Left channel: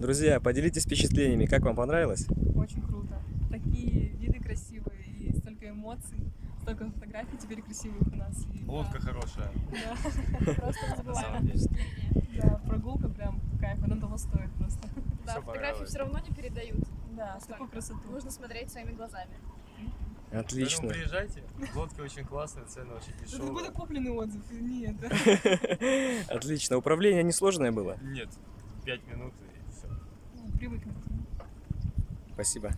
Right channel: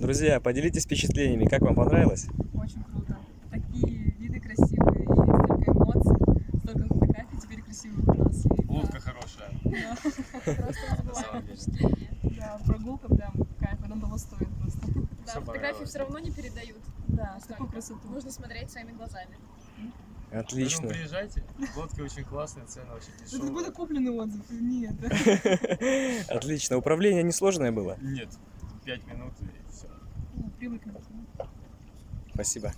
Друзья, поделитесь впечатлениями, как вам понравилось? Очень круто. Такие виды красивые, и столько эмоций, столько фотографий теперь красивых у нас. И, Лодка хорошая, да, Просто на самом деле. впечатление. да, прогулка прям кайф, она того стоит просто. Да, Всё фотографии понравилось. все равно не передают. Да, Настолько. такую красоту. Нужно смотреть своими глазами. Отлично. Поэтому приезжайте, лодки очень классные, цены очень Это какой-то дешевые. купленный отзыв. Нет. Отлично. Управление несложное было? Нет, 5 минут и все. Привыкнуть. Спасибо.